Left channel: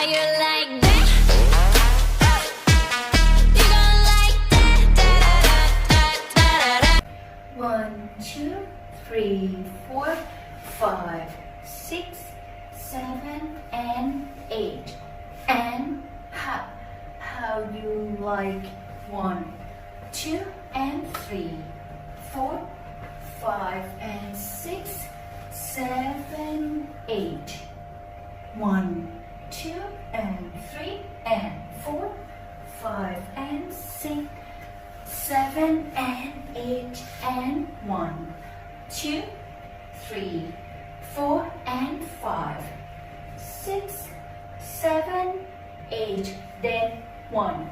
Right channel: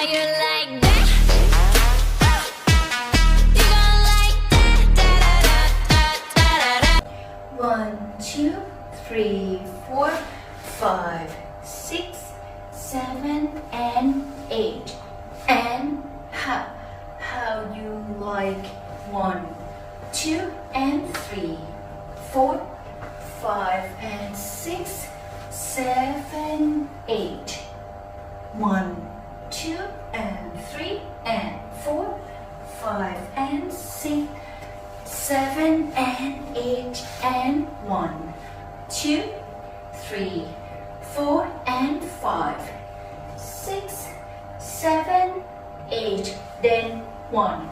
How you like that? You gon' like that? Da da da da da da. 1, 2, 3, 4, 5, 6, 7, and 8. And how you like 1, 2, and 3, 4, 5, and 6, 7, 8. 1, 2, and 3, and 4, 5, and 6, 7, and 8, and 1, 2, 3, 4, and 5, 6, 7, 8. Then 1,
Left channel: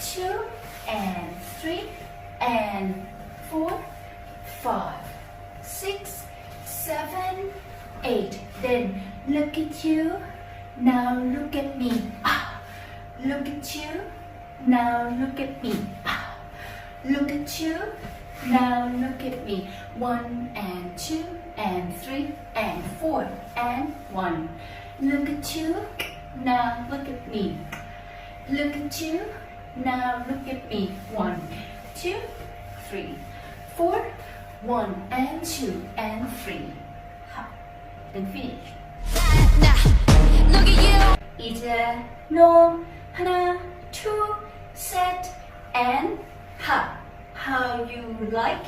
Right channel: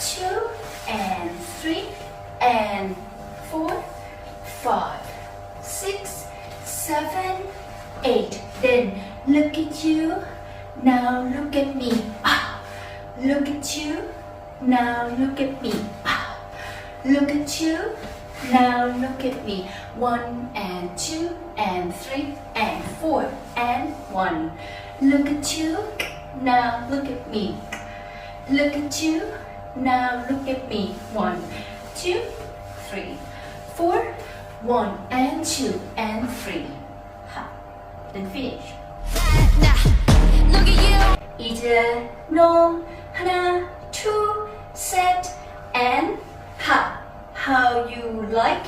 2, and 3, and 4, 5, 6, 7, 8. Then look at you. Now look at me. Look at you. Now look at me. Look at you. Now look at me. 1 and 2 and 3 and 4 and 1. Look at you. Now look at me. Look at you. Now look at me. 1, 2, 3, 4, 1 and 2 and 3. Then finish. Nah, look at you. 이제 너 하나, 둘, 셋, and how you like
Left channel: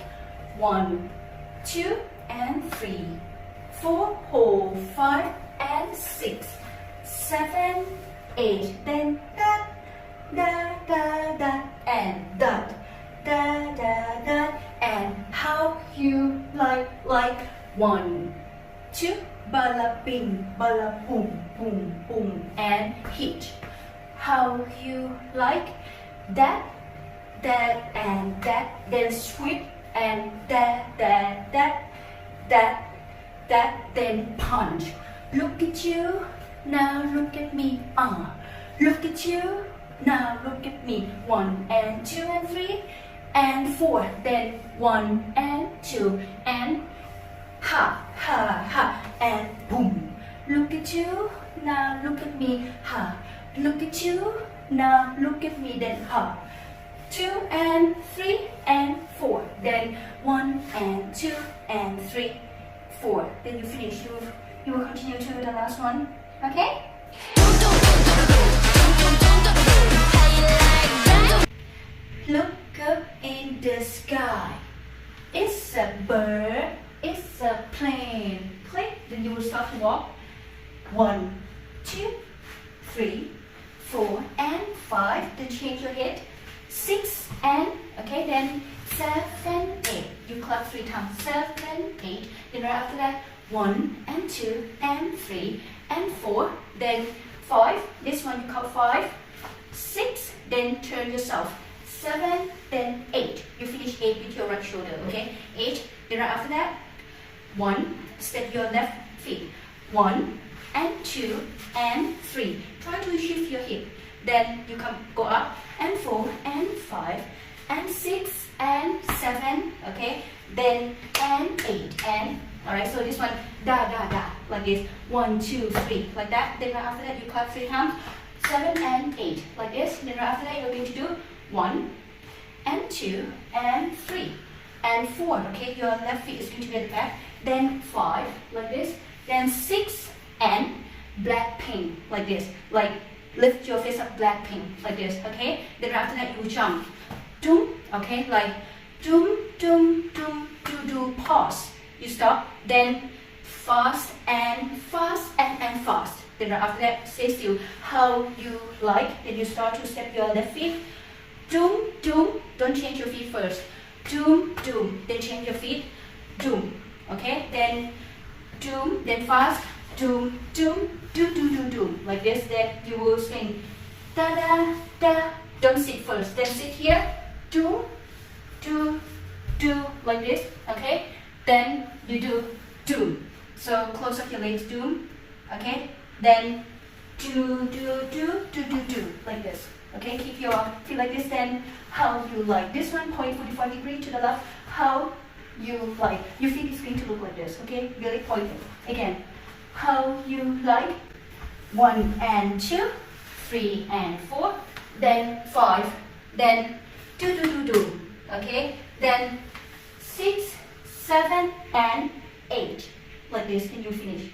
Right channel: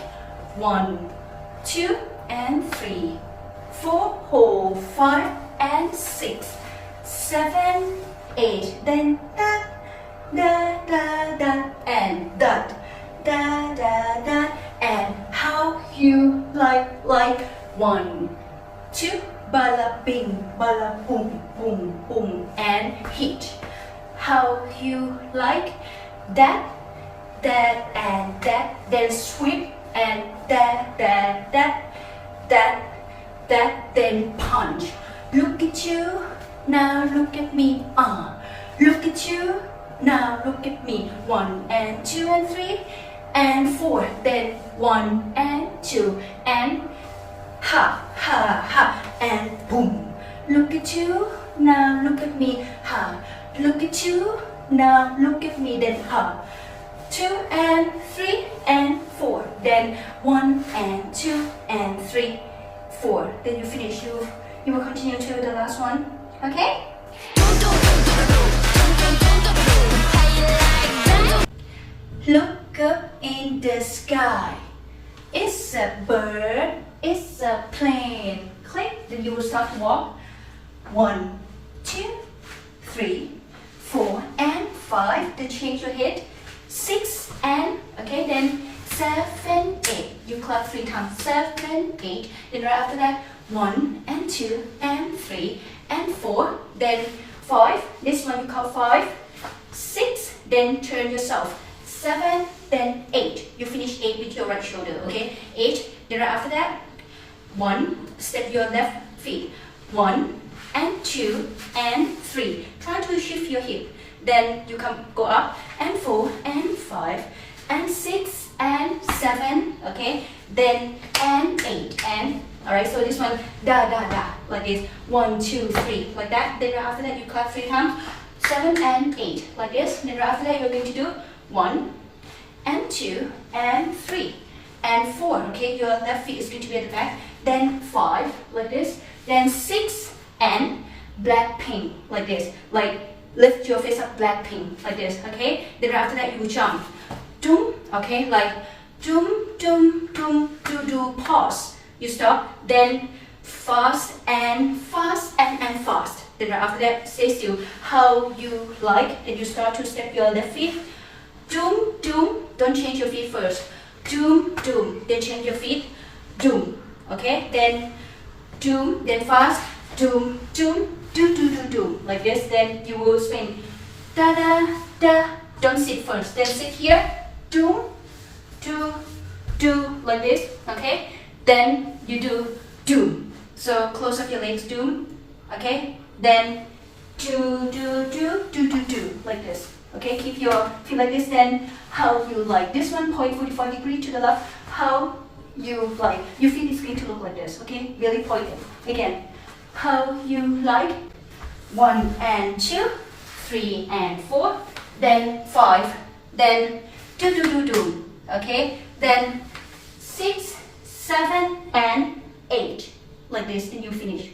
1, 2, and 3, 4, 5, and 6, 7, 8. Then da da da da and da da da da and how you like 1, 2, bala bing, bala boom, boom, boom, and hit. How you like that, and that, then sweep, and that, then punch. Look at you, now look at me, Look at you, now look at me. 1 and 2 and 3 and 4, then 1 and 2 and ha, and boom. Look at you, now look at me, Look at you, now look at me, then 2 and 3 and 4, then 1 and 2 and 3, 4. Then you finish. You will continue to the last one. Okay? How you like that? Look up in the sky. It's a bird. It's a plane. Click. Then you will start to walk. 1, 2, 3, 4, and 5. Then change your head. 6 and okay. Then 7, 8. You clap 3 times. 7, 8. Then right after that, 1 and 2 and 3 and 4. Then 5. This one you count 5, 6. Then turn yourself. 7. Then 8. You finish 8 with your right shoulder. Okay. 8. Then right after that, 1. Step your left feet. 1 and 2 and 3. Try to shift your hip. Then you go up and 4 and 5 and 6 and 7. Okay. Then and 8 and alright. So this one da like this. 1, 2, 3 like that. Then right after that you clap 3 times. 7 and 8 like this. Then right after that you're going to do 1 and 2 and 3 and 4. Okay. Your left feet is going to be at the back. Then 5 like this. Then 6 and Blackpink like this. Like lift your face up, Blackpink like this. Okay. Then after that you jump. Doom. Okay. Like doom, doom, doom, do. Pause. You stop. Then fast and fast. Then after that stay still. How you like. Then you start to step your left feet. Doom, doom. Don't change your feet first. Doom, doom. Then change your feet. Doom. Okay. Then doom. Then fast. Doom, doom, do. Like this. Then you will swing. Da. Don't sit first. Then sit here. Doom, do. Like this. Okay. Then you do doom. So close up your legs. Doom. Okay. Then do. Like this. Okay. Keep your feet like this. Then how you like. This one point 45 degrees to the left. How you like. Your feet is going to look like this. Okay. Really pointed. Again. How you like 1 and 2, 3 and 4, then 5, then 2, okay? Then 6, 7 and 8. Like this, and you finish.